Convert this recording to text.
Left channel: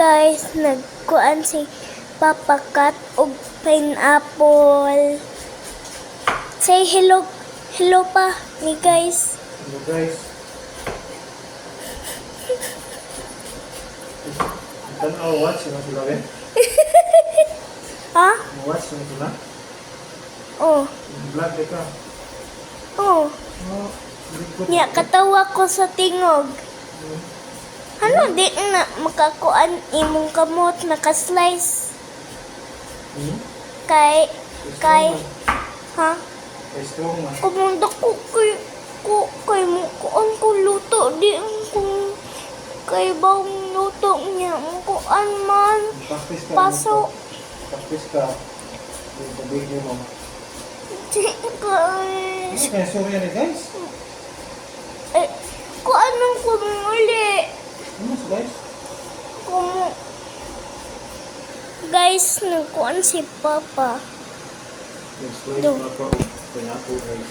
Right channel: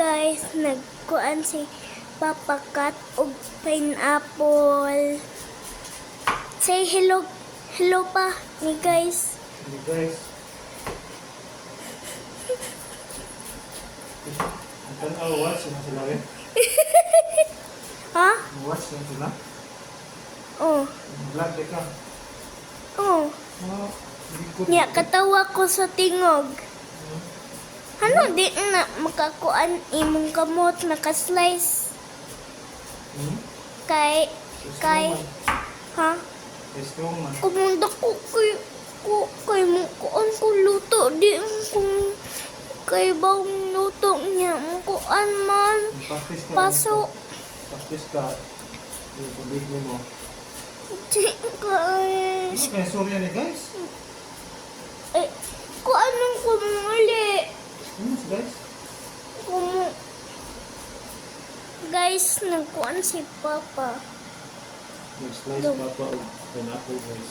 Guys, nagkuan si Papa Cat og pineapple. Say hello. Hello pa ni guys. Hello guys. Watch na sila eh. Ha? Watch na sila. Oh. Vlog ka. Oh. Oh, Nya katawa ko sa tingog. Ano di na makakuan imong kamot naka-slice kay ha? Strong man. Kumunda ko kay mo kuan ko luto di kung kay bawang luto niya kuan man paso Practice ka. Ibig mo. di kay Kaya sorry ni guys. eh kuan nang kumuli Ano sa guys? kung guys nagkuan si Papa. Next slide pa po. Pineapple guys.